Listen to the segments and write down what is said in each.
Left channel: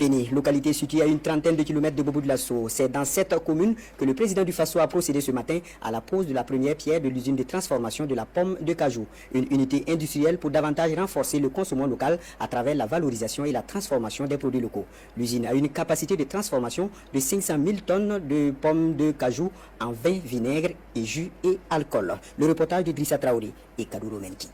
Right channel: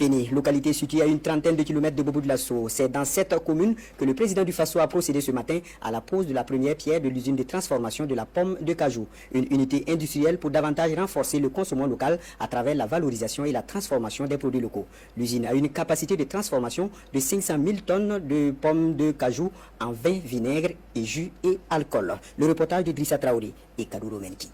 Péné, localité située à une trentaine de kilomètres de Bobo de Lasso. C'est dans cette commune que le président du Faso a procédé ce matin à la pose de la première pierre de l'usine de transformation de la pomme de cajou. Une unité industrielle pour davantage renforcer le consommation local à travers la valorisation et la transformation des produits locaux. L'usine a une capacité de transformation de 500 000 tonnes de pommes de cajou en vin, vinaigre et jus et alcool. Le reportage d'Idrissa Traouri et Kaduro Menki.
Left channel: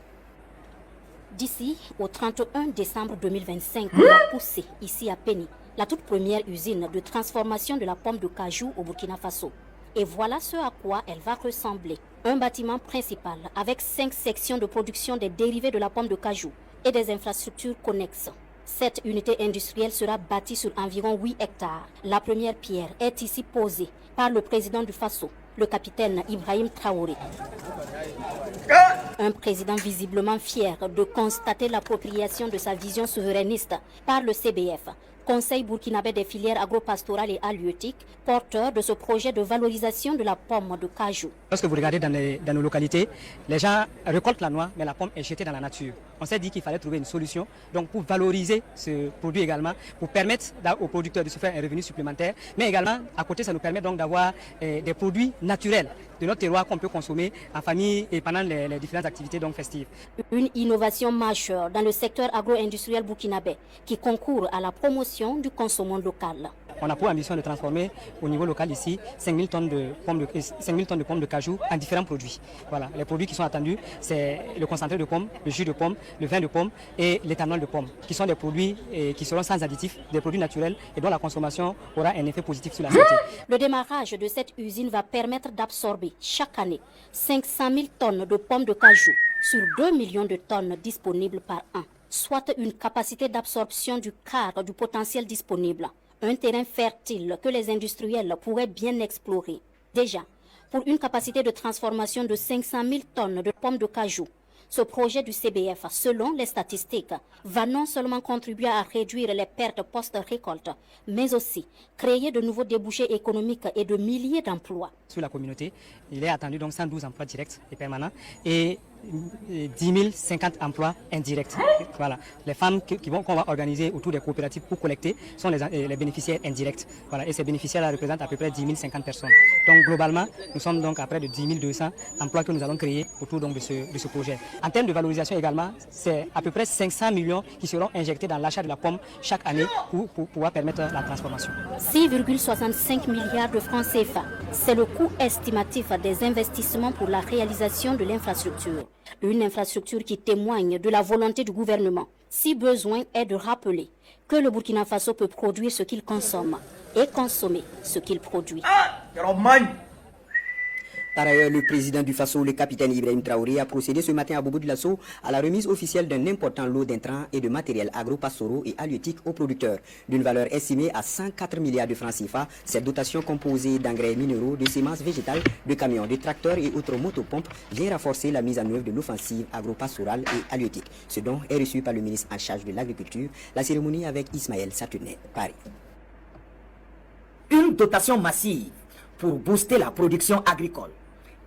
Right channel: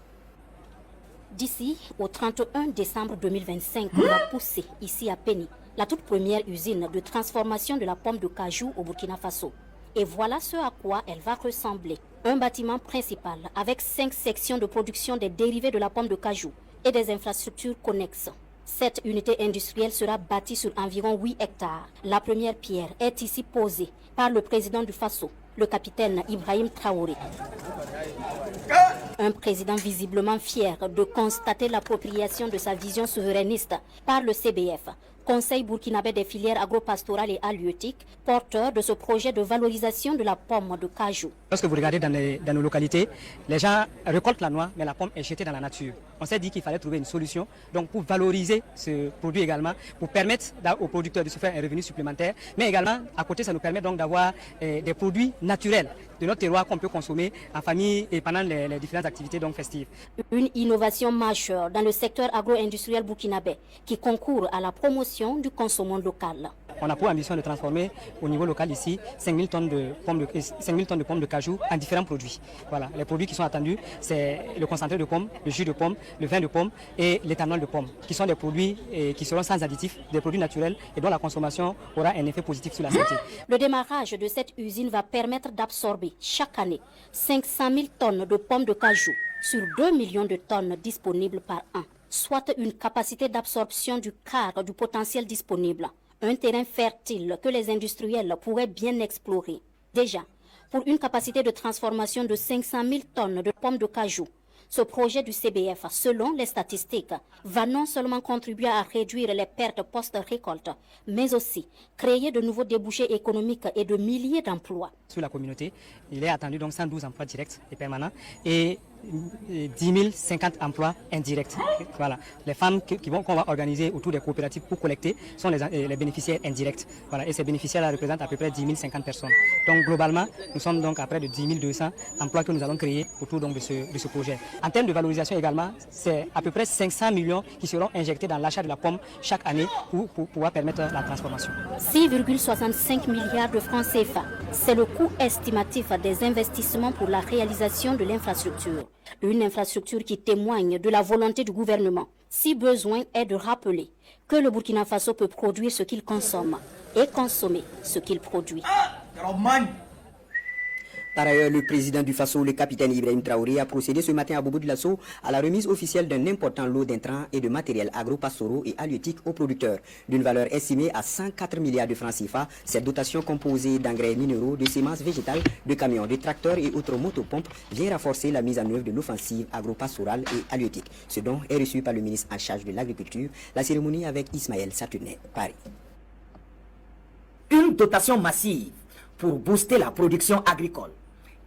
D'ici au 31 décembre 2025, on a poussé ici à Péné la toute première usine de transformation de la pomme de cajou au Burkina Faso. Et voilà ce à quoi elle va ressembler. Un bâtiment principal avec 5 sections de production des dérivés de la pomme de cajou et des infrastructures connexes. Cette unité industrielle sera bâtie sur environ 8 hectares. La première pierre est ici posée par le président du Faso, le capitaine Ibrahim Traoré. Un président visiblement fier de constater l'appropriation de sa vision souverainiste par le CBF, Conseil burkinabé des filières agro-pastorales et halieutiques, porteur de ce projet de valorisation de la pomme de cajou. Lorsque vous regardez dans nos localités, les gens récoltent la noix, mais la pomme est jetée dans la nature. On s'est dit qu'il fallait trouver une solution donc pour valoriser ce produit également, pour permettre aux producteurs de se faire un revenu supplémentaire, mais également à côté ça nous permet donc d'avoir des produits naturels de notre terroir qu'on peut consommer en famille et pendant les différentes activités donc festives. Une innovation majeure dans le secteur agro-industriel burkinabé qui concourt à la promotion du consommation local. On a pour ambition de transformer au niveau local ici 5 000 tonnes de pommes de cajou en différents produits. Voilà, les produits qui sont attendus, c'est le concentré de pomme, le jus de pomme, le vin de pomme et l'éthanol de pomme, qui sont des produits qui seront sans additifs, des produits naturels et dont la consommation aura un effet positif sur la santé. Le démarrage de cette usine va permettre d'absorber chaque année 500 000 tonnes de pommes de cajou sur 2 millions de tonnes disponibles par an, soit une capacité d'absorption du quart du potentiel disponible. Un terrain fertile que les industriels pourraient bien explorer. Déjà, pour une capacité de transformation de 500 000 tonnes de pommes de cajou, ce projet du CBF, selon les statistiques, va non seulement contribuer à réduire les pertes post-récolte, mais aussi créer de nouveaux débouchés économiques et de milliers d'emplois. Sur la communauté, il est attendu donc 112 emplois directs et permanents et 10 050 emplois indirects. Voilà. Les femmes qu'on va organiser autour des coopératives pour collecter sont les bénéficiaires indirects. Voilà. Et ces bénéficiaires-là représentent à peu près 10 050 personnes. Donc globalement, nous sommes donc à près de 10 200 emplois que nous allons créer autour donc de ce projet. En termes de valorisation également, c'est à peu près 500 millions qui seront injectés dans l'achat de la pomme chaque année pour pouvoir permettre la transformation. 6,65 milliards de francs CFA. C'est le coût estimatif des investissements pour la réalisation de l'infrastructure. Une infrastructure qui témoigne de la volonté du gouvernement. Si besoin est de rappeler que le Burkina Faso peut produire ce qu'il consomme et consommer ce qu'il produit. Par ailleurs, le président du Faso, le capitaine Ibrahim Traoré, a procédé ce matin à Bobo de Lasso à la remise officielle d'un important lot d'intrants et de matériel agro-pastoraux et halieutiques aux producteurs, d'une valeur estimée à 104 milliards de francs CFA. Cette dotation composée d'engrais minéraux, de semences végétales, de camions, de tracteurs et autres motopompes vient renforcer la mise en œuvre de l'offensive agro-pastorale et halieutique. Ce don est reçu par le ministre en charge de l'agriculture. La cérémonie avec Ismaël Saturnet, Paris. Une dotation massive pour booster la production agricole.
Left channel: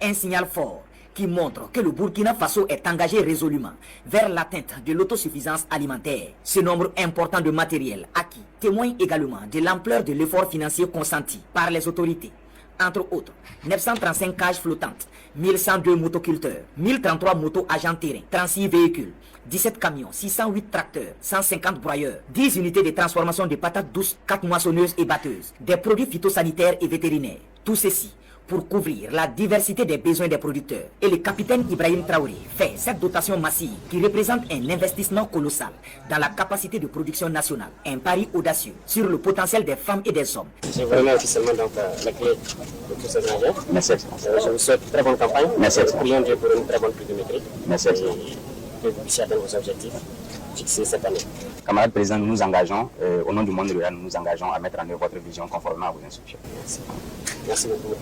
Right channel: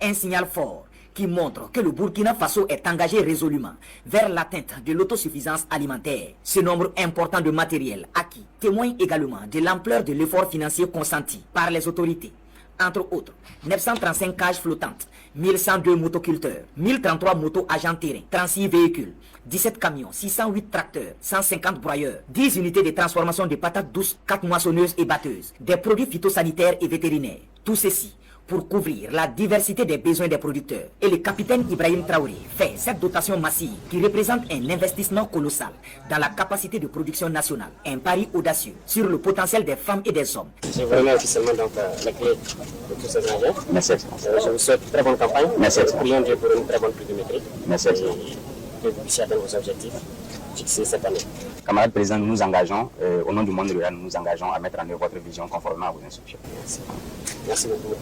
Un signal fort qui montre que le Burkina Faso est engagé résolument vers l'atteinte de l'autosuffisance alimentaire. Ce nombre important de matériel acquis témoigne également de l'ampleur de l'effort financier consenti par les autorités. Entre autres, 935 cages flottantes, 1102 motoculteurs, 1033 motos agents terrain, 36 véhicules, 17 camions, 608 tracteurs, 150 broyeurs, 10 unités de transformation de patates douces, 4 moissonneuses et batteuses, des produits phytosanitaires et vétérinaires. Tout ceci pour couvrir la diversité des besoins des producteurs. Et le capitaine Ibrahim Traoré fait cette dotation massive qui représente un investissement colossal dans la capacité de production nationale. Un pari audacieux sur le potentiel des femmes et des hommes. Je vous remets officiellement donc la clé de tous ces engins. Merci. Je vous souhaite une très bonne campagne. Merci. Prions Dieu pour une très bonne pluviométrie. Merci. Que vous puissiez atteindre vos objectifs fixés cette année. Camarades présidents, nous nous engageons, au nom du monde rural, nous nous engageons à mettre en œuvre votre vision conformément à vos instructions. Merci beaucoup.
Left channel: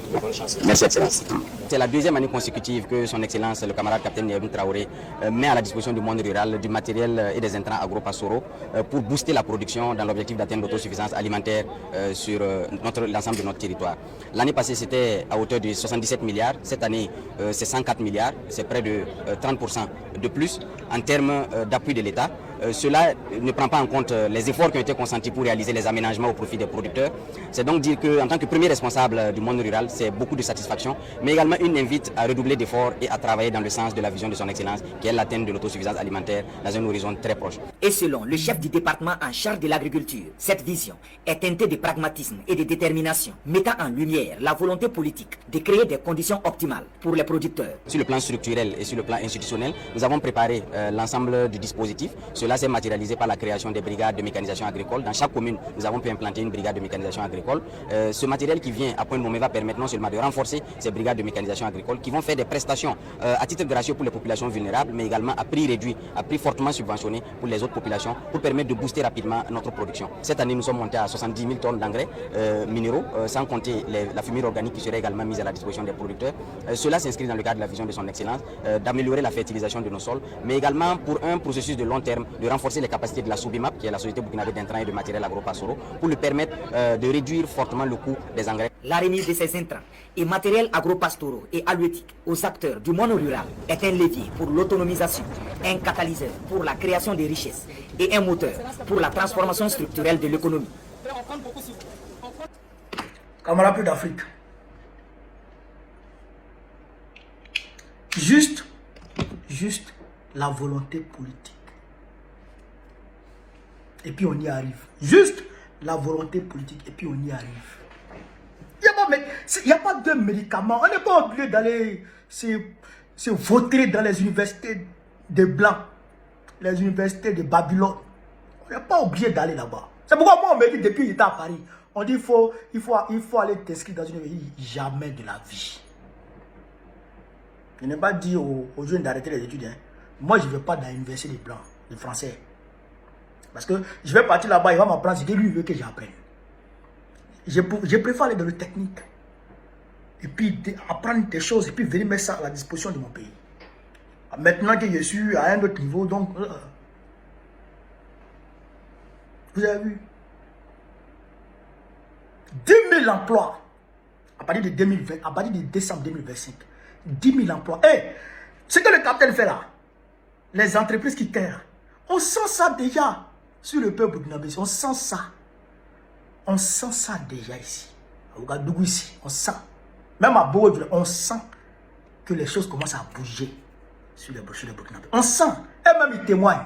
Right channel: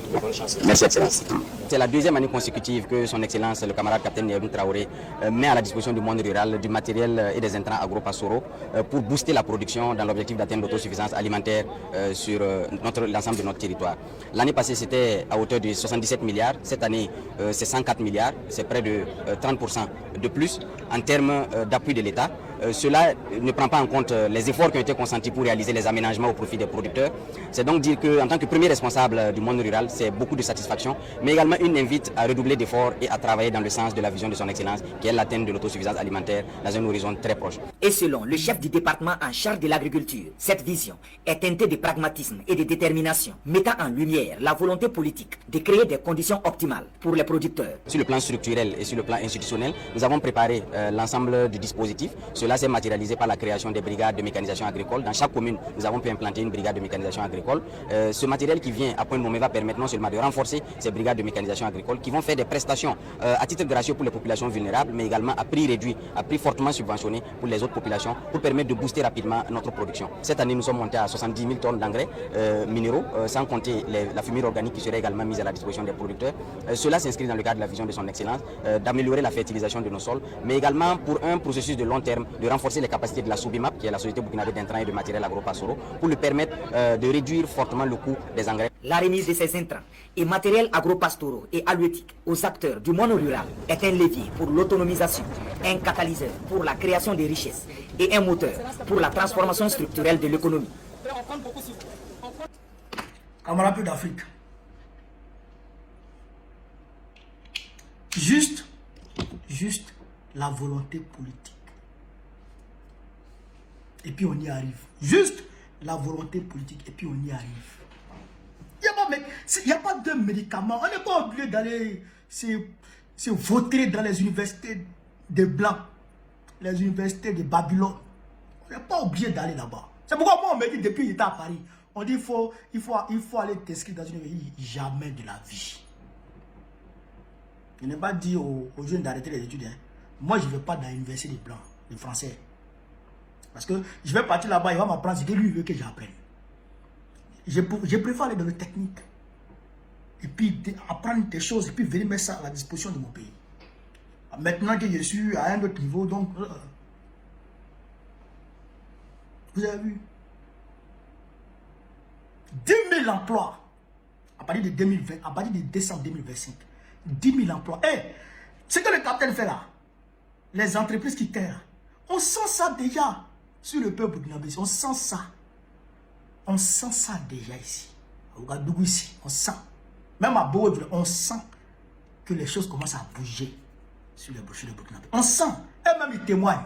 Merci, Excellence. C'est la deuxième année consécutive que son Excellence, le camarade capitaine Ibrahim Traoré, met à la disposition du monde rural du matériel et des intrants agro-pastoraux pour booster la production dans l'objectif d'atteindre l'autosuffisance alimentaire sur l'ensemble de notre territoire. L'année passée, c'était à hauteur de 77 milliards. Cette année, c'est 104 milliards, c'est près de 30% de plus en termes d'appui de l'État. Cela ne prend pas en compte les efforts qui ont été consentis pour réaliser les aménagements au profit des producteurs. C'est donc dire qu'en tant que premier responsable du monde rural, c'est beaucoup de satisfaction, mais également une invite à redoubler d'efforts et à travailler dans le sens de la vision de son Excellence, qui est l'atteinte de l'autosuffisance alimentaire dans un horizon très proche. Et selon le chef du département en charge de l'agriculture, cette vision est teintée de pragmatisme et de détermination, mettant en lumière la volonté politique de créer des conditions optimales pour les producteurs. Sur le plan structurel et sur le plan institutionnel, nous avons préparé l'ensemble du dispositif. Cela s'est matérialisé par la création des brigades de mécanisation agricole. Dans chaque commune, nous avons pu implanter une brigade de mécanisation agricole. Ce matériel qui vient à point nommé va permettre non seulement de renforcer ces brigades de mécanisation agricole qui vont faire des prestations à titre gracieux pour les populations vulnérables, mais également à prix réduit, à prix fortement subventionné pour les autres populations, pour permettre de booster rapidement notre production. Cette année, nous sommes montés à 70 000 tonnes d'engrais minéraux, sans compter la fumure organique qui sera également mise à la disposition des producteurs. Cela s'inscrit dans le cadre de la vision de son Excellence, d'améliorer la fertilisation de nos sols, mais également pour un processus de long terme, de renforcer les capacités de la Sobimap, qui est la société burkinabé d'intrants et de matériel agro-pastoraux, pour lui permettre de réduire fortement le coût des engrais. La remise de ces intrants et matériels agro-pastoraux et halieutiques aux acteurs du monde rural est un levier pour l'autonomisation, un catalyseur pour la création de richesses et un moteur pour la transformation structurelle de l'économie. Camarades d'Afrique, juste la volonté politique. Et puis on y arrive. Juste la volonté politique et puis on y arrive. Il n'y a pas de médicaments. On n'est pas obligé d'aller se voter dans les universités des Blancs, les universités de Babylone. On n'est pas obligé d'aller là-bas. C'est pourquoi moi on me dit depuis qu'il était à Paris, on dit il faut aller t'inscrire dans une université. Jamais de la vie. Je n'ai pas dit aux jeunes d'arrêter les études. Hein. Moi je ne vais pas dans l'université des Blancs, des Français. Parce que je vais partir là-bas, il va m'apprendre ce que lui veut que j'apprenne. Je préfère aller dans le technique. Et puis apprendre des choses et puis venir mettre ça à la disposition de mon pays. Maintenant que je suis à un autre niveau, donc... vous avez vu 10 000 emplois à partir de 2020, à partir de décembre 2025. 10 000 emplois. Hey, ce que le cartel fait là, les entreprises qui créent, on sent ça déjà sur le peuple burkinabé. On sent ça. On sent ça déjà ici. Au Ouagadougou ici, on sent. Même à Bourg, on sent que les choses commencent à bouger sur les burkinabés. On sent. Eux-mêmes, ils témoignent.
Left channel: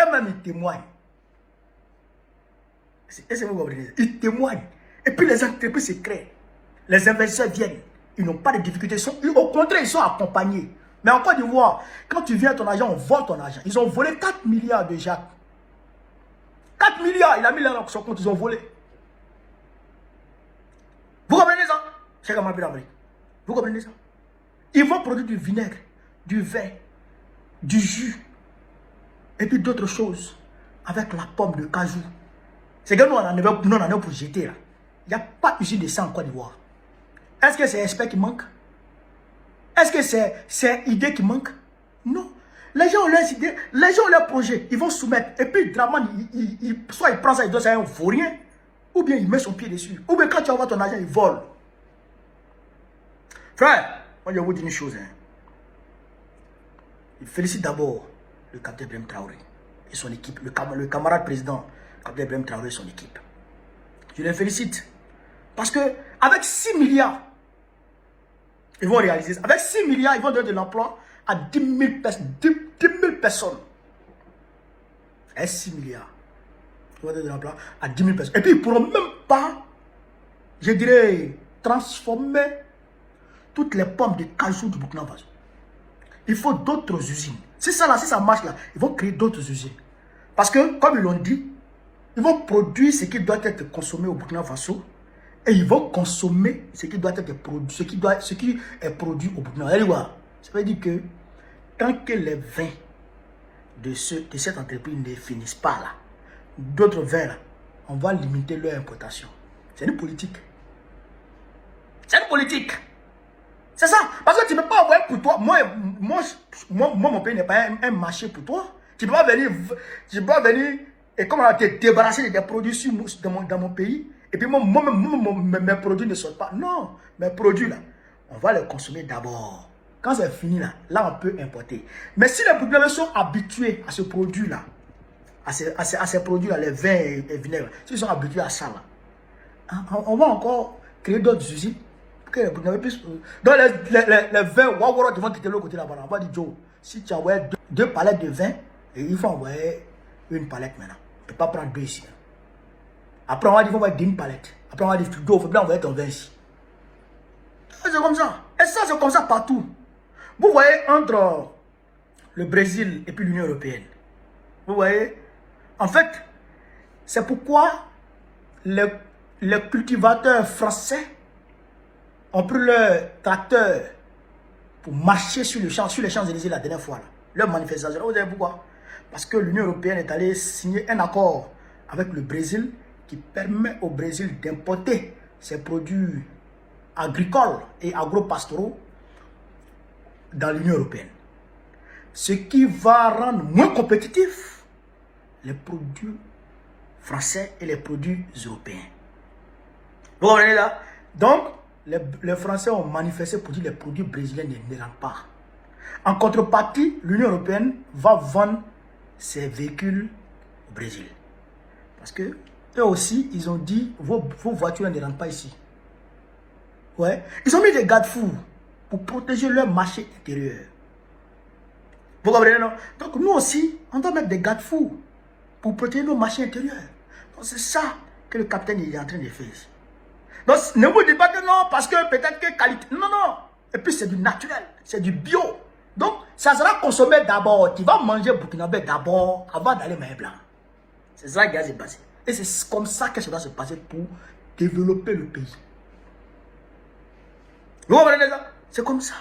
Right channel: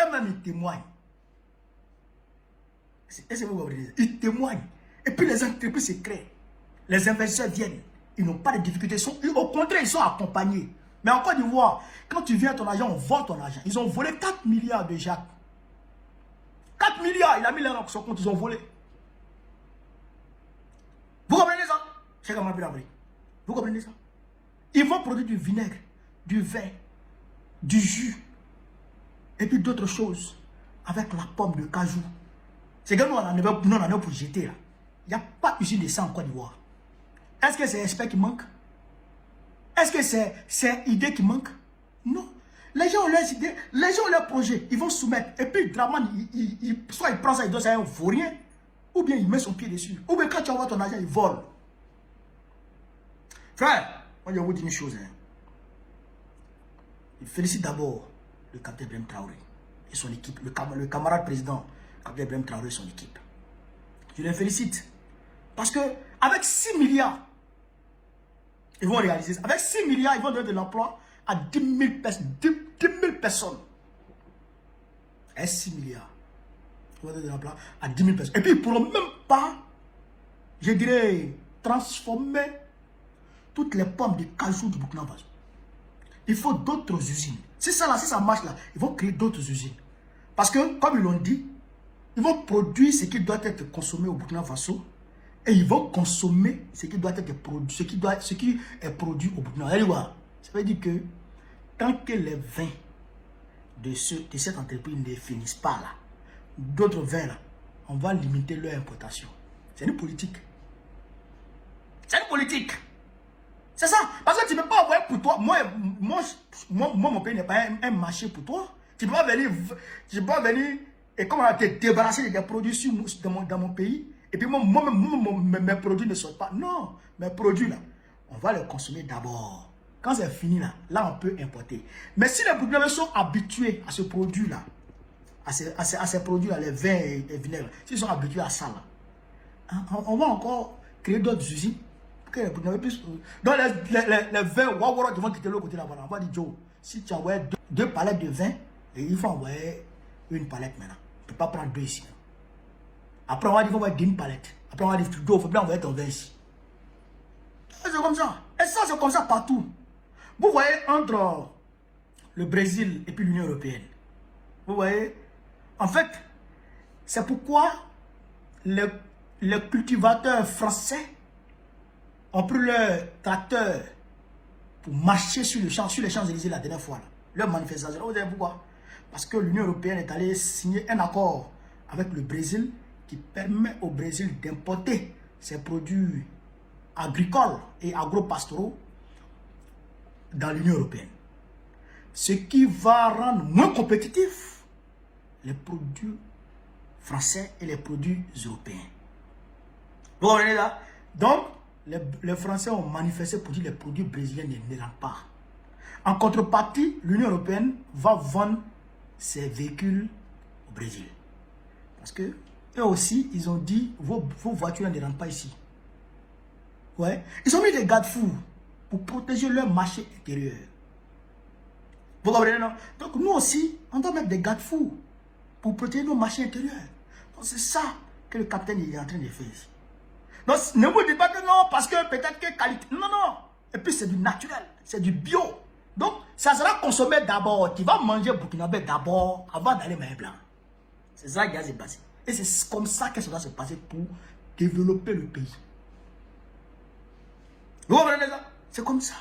Eux-mêmes, ils témoignent. Ils témoignent. Et puis les entreprises se créent. Les investisseurs viennent. Ils n'ont pas de difficultés. Au contraire, ils sont accompagnés. Mais en Côte d'Ivoire, quand tu viens ton argent, on vole ton argent. Ils ont volé 4 milliards de Jacques. 4 milliards, il a mis là dans son compte, ils ont volé. Vous comprenez ça? C'est comme vous comprenez ça? Ils vont produire du vinaigre, du vin, du jus, et puis d'autres choses avec la pomme de cajou. C'est que nous, on en a pour jeter là. Il n'y a pas usine de ça en Côte d'Ivoire. Est-ce que c'est experts qui manquent? Est-ce que c'est idée qui manque? Non. Les gens ont leurs idées, les gens ont leurs projets, ils vont soumettre. Et puis Draman, soit il prend ça, il donne ça à un vaurien, ou bien il met son pied dessus. Ou bien quand tu envoies ton argent, il vole. Frère, moi je vais vous dire une chose. Hein. Je félicite d'abord le capitaine Ibrahim Traoré et son équipe, le camarade président capitaine Ibrahim Traoré et son équipe. Je les félicite. Parce que avec 6 milliards, ils vont réaliser ça. Avec 6 milliards, ils vont donner de l'emploi à 10 000 personnes. Et 6 milliards. Ils vont donner de l'emploi à 10 000 personnes. Et puis, ils ne pourront même pas, je dirais, transformer toutes les pommes de cajou du Burkina Faso. Il faut d'autres usines. Si ça marche là, ils vont créer d'autres usines. Parce que, comme ils l'ont dit, ils vont produire ce qui doit être consommé au Burkina Faso. Et ils vont consommer ce qui doit être produit, ce qui est produit au Burkina Faso. Ça veut dire que tant que les vins de cette entreprise ne finissent pas là, d'autres vins là, on va limiter leur importation. C'est une politique. C'est une politique. C'est ça. Parce que tu ne peux pas avoir pour toi. Moi, mon pays n'est pas un marché pour toi. Tu ne peux pas venir et comment te débarrasser des produits dans mon pays. Et puis mes produits ne sortent pas. Non, mes produits là, On va les consommer d'abord. Quand c'est fini, là, on peut importer. Mais si les Burkinabés sont habitués à ce produit-là, à ces produits-là, les vins et les vinaigres, s'ils sont habitués à ça, là, on va encore créer d'autres usines. Que les Burkinabés puissent... Donc, les vins, ils vont quitter l'autre côté là-bas. On va dire, Joe, si tu envoies deux palettes de vin, il faut envoyer une palette maintenant. On ne peut pas prendre deux ici. Après, on va dire, il faut envoyer une palette. Après, on va dire, Joe, il faut bien envoyer ton vin ici. C'est comme ça. Et ça, c'est comme ça partout. Vous voyez, entre le Brésil et puis l'Union européenne, vous voyez, en fait, c'est pourquoi les cultivateurs français ont pris leur tracteur pour marcher sur les Champs-Élysées la dernière fois. Là. Leur manifestation. Vous savez pourquoi? Parce que l'Union européenne est allée signer un accord avec le Brésil qui permet au Brésil d'importer ses produits agricoles et agro-pastoraux dans l'Union européenne. Ce qui va rendre moins compétitifs les produits français et les produits européens. Vous voyez là? Donc, les Français ont manifesté pour dire que les produits brésiliens ne rentrent pas. En contrepartie, l'Union européenne va vendre ses véhicules au Brésil. Parce que eux aussi, ils ont dit vos voitures ne rentrent pas ici. Ouais. Ils ont mis des garde-fous pour protéger leur marché intérieur. Vous comprenez, non? Donc nous aussi, on doit mettre des garde-fous pour protéger nos marchés intérieurs. C'est ça que le capitaine est en train de faire. Donc ne vous dites pas que non, parce que peut-être que qualité. Non, non. Et puis c'est du naturel, c'est du bio. Donc ça sera consommé d'abord. Tu vas manger burkinabé d'abord avant d'aller manger blanc. C'est ça qui va se passer. Et c'est comme ça que ça doit se passer pour développer le pays. Vous comprenez ça? C'est comme ça.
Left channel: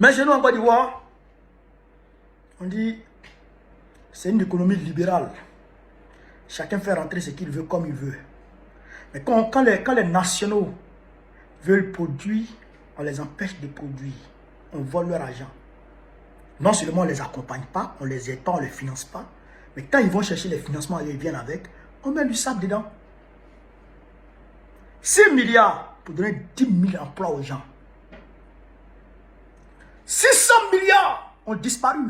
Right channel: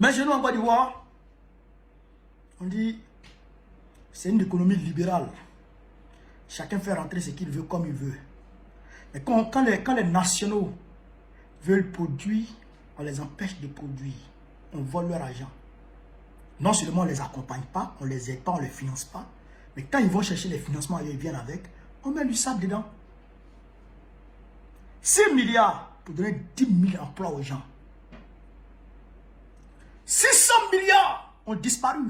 Mais chez nous en Côte d'Ivoire, on dit c'est une économie libérale. Chacun fait rentrer ce qu'il veut comme il veut. Mais quand les nationaux veulent produire, on les empêche de produire. On vole leur argent. Non seulement on ne les accompagne pas, on ne les aide pas, on ne les finance pas. Mais quand ils vont chercher les financements et ils viennent avec, on met du sable dedans. 6 milliards pour donner 10 000 emplois aux gens. 600 milliards ont disparu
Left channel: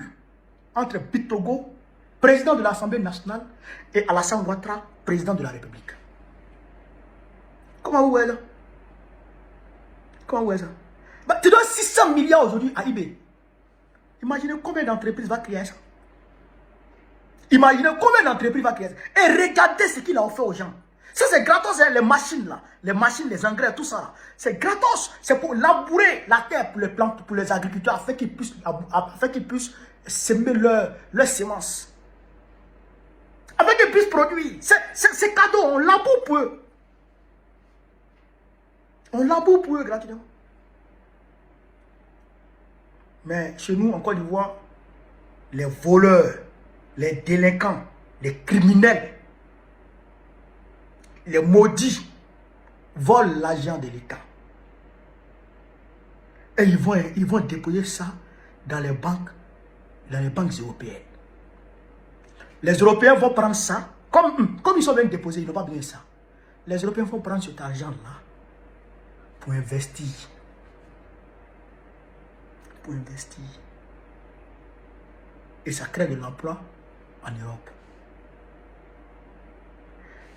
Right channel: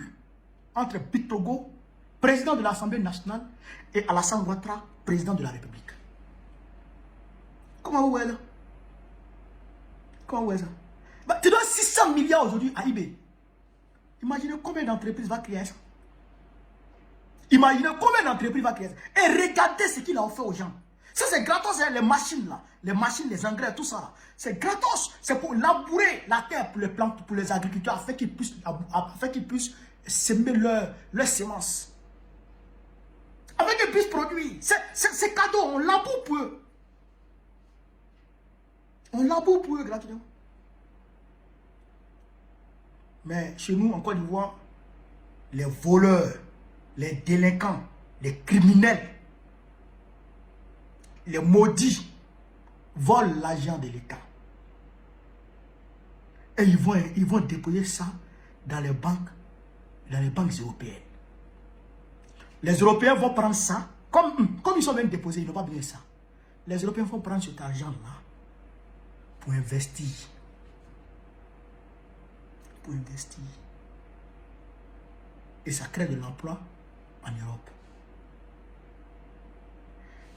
entre Bitogo, président de l'Assemblée nationale, et Alassane Ouattara, président de la République. Comment vous voyez ça? Comment vous voyez ça? Bah, tu donnes 600 milliards aujourd'hui à eBay. Imaginez combien d'entreprises va créer ça. Imaginez combien d'entreprises va créer ça. Et regardez ce qu'il a offert aux gens. Ça c'est gratos, hein, les machines là. Les machines, les engrais, tout ça. C'est gratos. C'est pour labourer la terre pour les plantes, pour les agriculteurs, afin qu'ils puissent semer leurs semences. Afin qu'ils puissent produire. C'est cadeau, on laboure pour eux. On laboure pour eux gratuitement. Mais chez nous, en Côte d'Ivoire, les voleurs, les délinquants, les criminels, les maudits volent l'argent de l'État. Et ils vont déposer ça dans les banques européennes. Les Européens vont prendre ça, comme ils sont bien déposés, ils n'ont pas besoin de ça. Les Européens vont prendre cet argent-là pour investir. Pour investir. Et ça crée de l'emploi en Europe.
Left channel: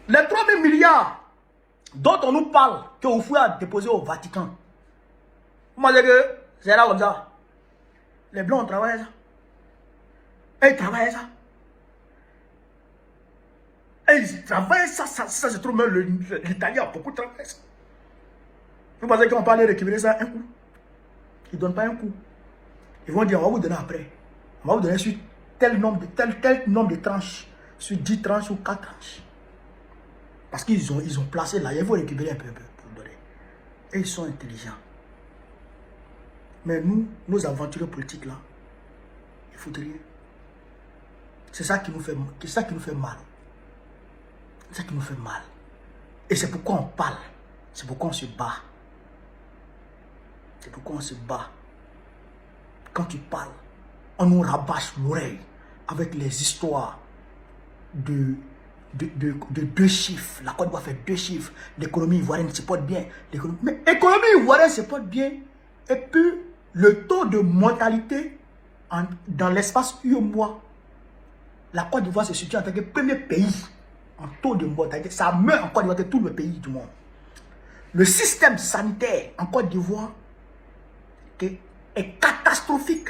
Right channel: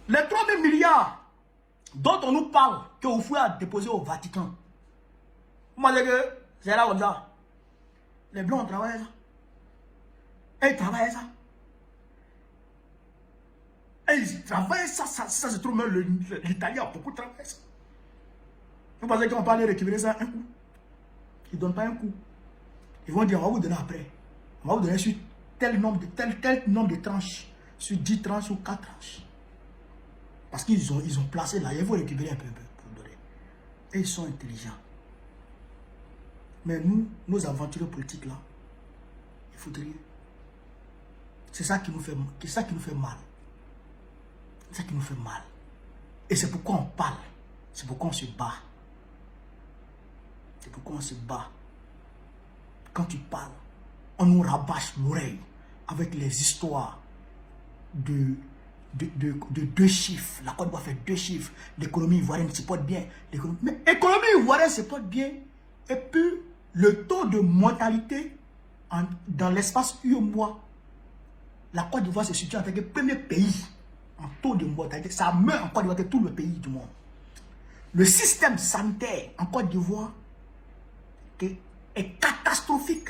Les 3 000 milliards dont on nous parle, que vous pouvez déposer au Vatican. Vous m'avez dit que c'est là comme ça. Les Blancs ont travaillé ça. Et ils travaillent ça. Et ils travaillent ça, ça se trouve même l'Italien a beaucoup travaillé ça. Vous pensez qu'on peut aller récupérer ça un coup? Ils ne donnent pas un coup. Ils vont dire on va vous donner après. On va vous donner sur tel nombre de tranches. Sur 10 tranches ou 4 tranches. Parce qu'ils ont placé là, il faut récupérer un peu pour donner. Et ils sont intelligents. Mais nous, nos aventuriers politiques là, il faut dire. C'est ça qui nous fait mal. C'est ça qui nous fait mal. C'est ça qui nous fait mal. Et c'est pourquoi on parle. C'est pourquoi on se bat. C'est pourquoi on se bat. Quand tu parles, on nous rabâche l'oreille avec les histoires de de 2 chiffres. La Côte d'Ivoire fait 2 chiffres. L'économie ivoirienne se porte bien. Mais l'économie ivoirienne se porte bien. Et puis, le taux de mortalité dans l'espace UEMOA, la Côte d'Ivoire se situe en tant que premier pays en taux de mortalité. Ça meurt en Côte d'Ivoire que tout le pays du monde. Le système sanitaire en Côte d'Ivoire est catastrophique.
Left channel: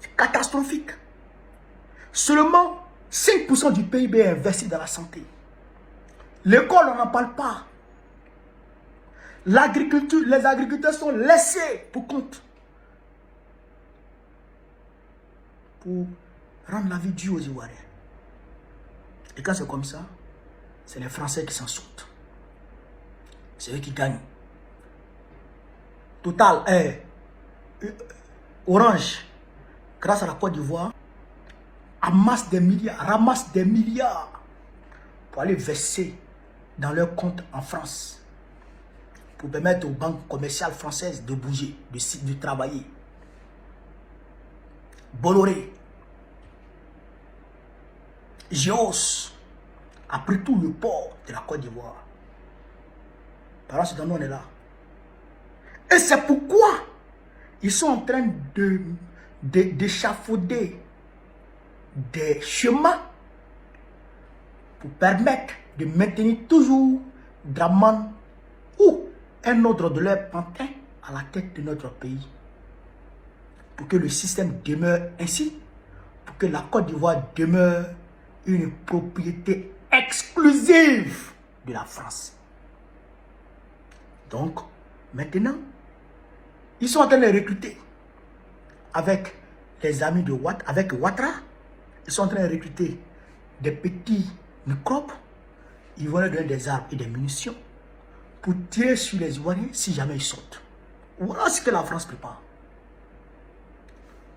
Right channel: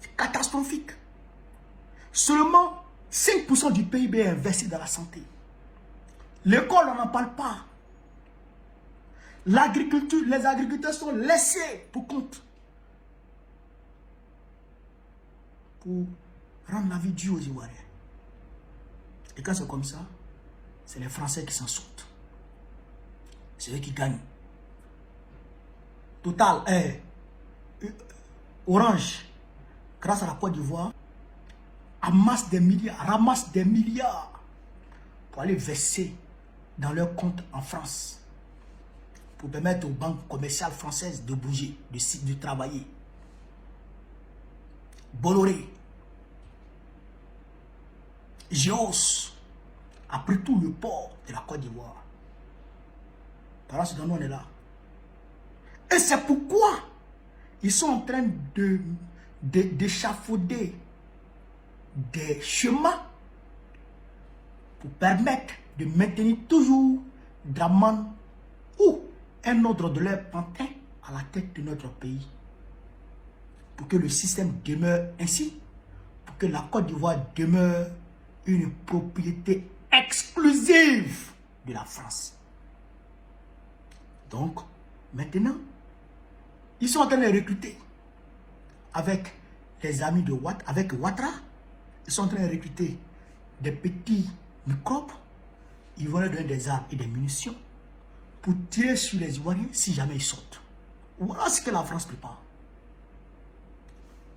C'est catastrophique. Seulement 5% du PIB est investi dans la santé. L'école, on n'en parle pas. L'agriculture, les agriculteurs sont laissés pour compte. Pour rendre la vie dure aux Ivoiriens. Et quand c'est comme ça, c'est les Français qui s'en sortent. C'est eux qui gagnent. Total, Orange, grâce à la Côte d'Ivoire, ramasse des milliards pour aller verser dans leur compte en France, pour permettre aux banques commerciales françaises de bouger, de travailler. Bolloré, Géos a pris tout le port de la Côte d'Ivoire. Par ce que nous on est là. Et c'est pourquoi ils sont en train d'échafauder des chemins pour permettre de maintenir toujours Draman ou un autre de leurs pantins à la tête de notre pays. Pour que le système demeure ainsi, pour que la Côte d'Ivoire demeure une propriété exclusive de la France. Donc, maintenant, ils sont en train de recruter avec les amis de Ouattara, avec Ouattara. Ils sont en train de recruter des petits microbes. Ils vont leur donner des armes et des munitions pour tirer sur les Ivoiriens si jamais ils sautent. Voilà ce que la France prépare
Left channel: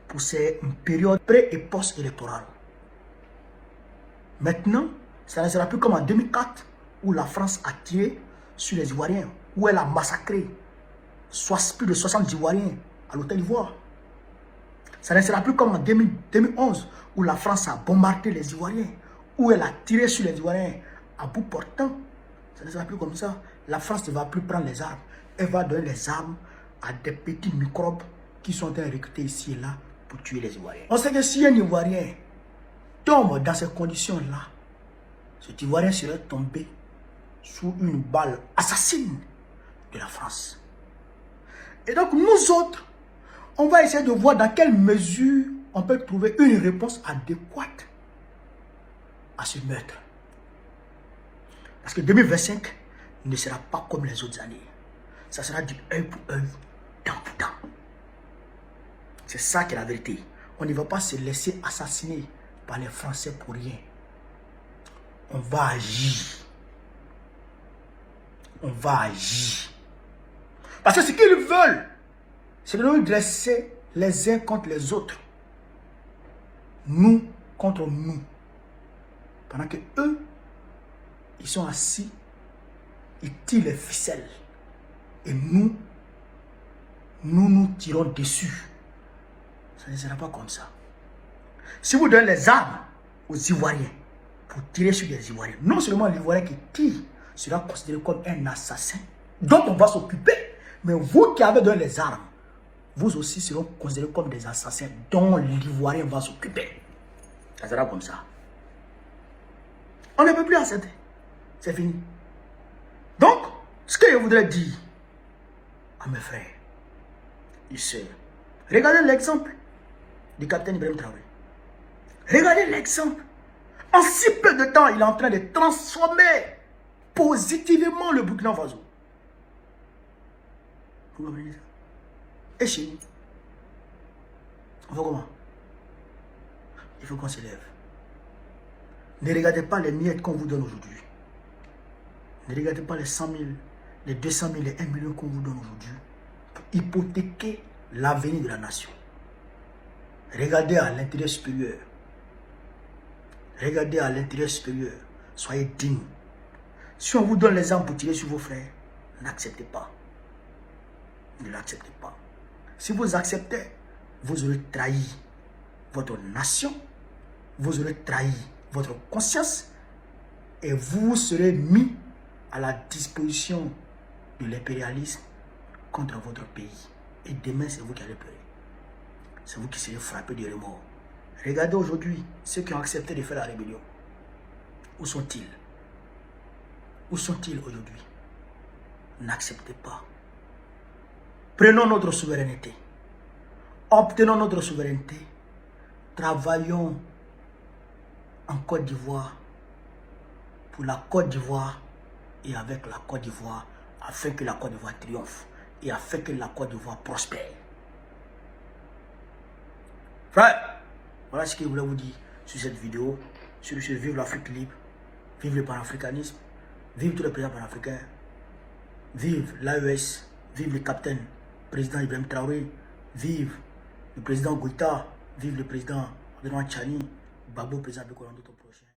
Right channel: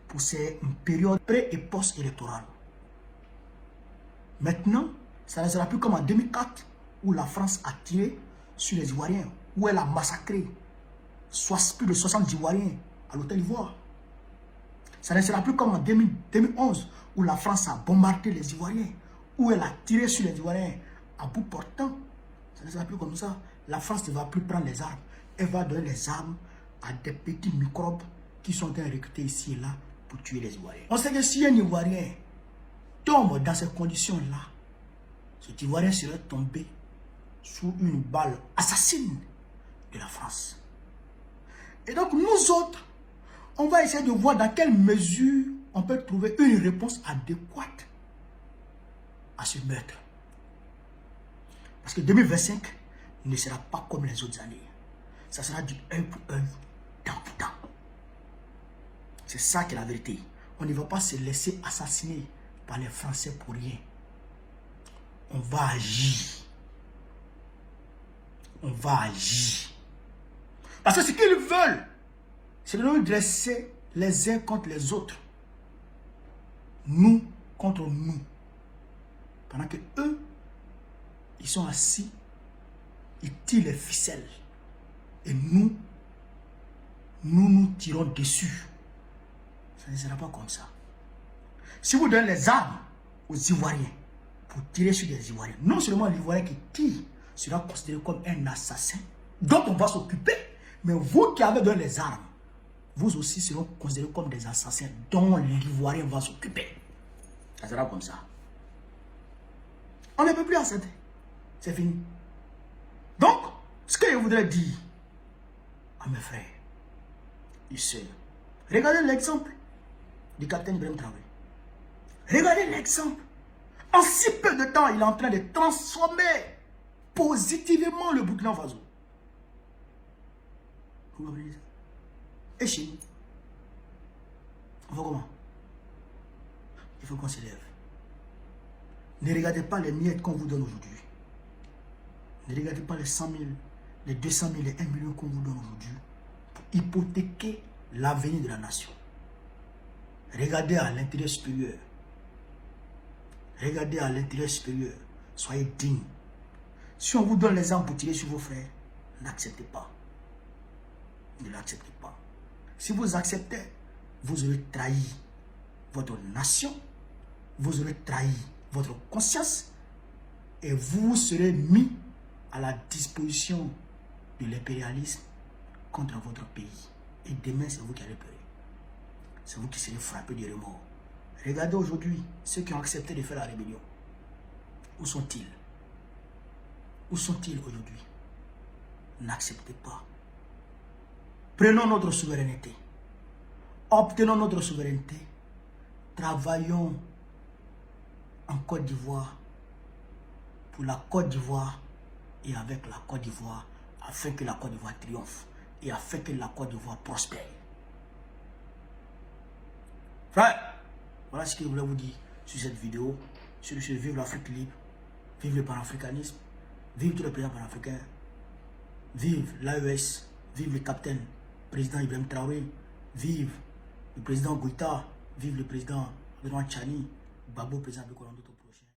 pour une période pré- et post-électorale. Maintenant, ça ne sera plus comme en 2004 où la France a tiré sur les Ivoiriens, où elle a massacré plus de 60 Ivoiriens à l'Hôtel d'Ivoire. Ça ne sera plus comme en 2011 où la France a bombardé les Ivoiriens, où elle a tiré sur les Ivoiriens à bout portant. Ça ne sera plus comme ça. La France ne va plus prendre les armes. Elle va donner les armes à des petits microbes qui sont recrutés ici et là pour tuer les Ivoiriens. On sait que si un Ivoirien tombe dans ces conditions-là, cet Ivoirien serait tombé sous une balle assassine de la France. Et donc nous autres, on va essayer de voir dans quelle mesure on peut trouver une réponse adéquate à ce meurtre. Parce que 2025 ne sera pas comme les autres années. Ça sera du œil pour œil, dent pour dent. C'est ça qui est la vérité. On ne va pas se laisser assassiner par les Français pour rien. On va agir. On va agir. Parce que ce qu'ils veulent, c'est de nous dresser les uns contre les autres. Nous contre nous. Pendant que eux, ils sont assis, ils tirent les ficelles. Et nous tirons dessus. Ça ne sera pas comme ça. Si vous donnez les armes aux Ivoiriens pour tirer sur les Ivoiriens, non seulement l'Ivoirien qui tire sera considéré comme un assassin dont on va s'occuper, mais vous qui avez donné les armes, vous aussi serez considérés comme des assassins dont l'Ivoirien va s'occuper. Ça sera comme ça. On ne peut plus accepter. C'est fini. Donc, ce que je voudrais dire à mes frères et sœurs, regardez l'exemple du capitaine Ibrahim Traoré. Regardez l'exemple. En si peu de temps, il est en train de transformer positivement le Burkina Faso. Vous comprenez ça? Et chez nous, on fait comment? Il faut qu'on se lève. Ne regardez pas les miettes qu'on vous donne aujourd'hui. Ne regardez pas les 100 000, les 200 000, les 1 million qu'on vous donne aujourd'hui pour hypothéquer l'avenir de la nation. Regardez à l'intérêt supérieur. Regardez à l'intérêt supérieur. Soyez dignes. Si on vous donne les armes pour tirer sur vos frères, n'acceptez pas. Ne l'acceptez pas. Si vous acceptez, vous aurez trahi votre nation, vous aurez trahi votre conscience et vous serez mis à la disposition de l'impérialisme contre votre pays. Et demain, c'est vous qui allez pleurer. C'est vous qui serez frappé de remords. Regardez aujourd'hui ceux qui ont accepté de faire la rébellion. Où sont-ils? Où sont-ils aujourd'hui? N'acceptez pas. Prenons notre souveraineté. Obtenons notre souveraineté. Travaillons en Côte d'Ivoire pour la Côte d'Ivoire et avec la Côte d'Ivoire afin que la Côte d'Ivoire triomphe et afin que la Côte d'Ivoire prospère. Frère, voilà ce que je voulais vous dire sur cette vidéo, sur Vive l'Afrique libre, vive le panafricanisme, vive tous les pays panafricains, vive l'AES, vive le capitaine président Ibrahim Traoré, vive le président Goïta, vive le président Abdelrahman Chani, Babo, président Bikoran.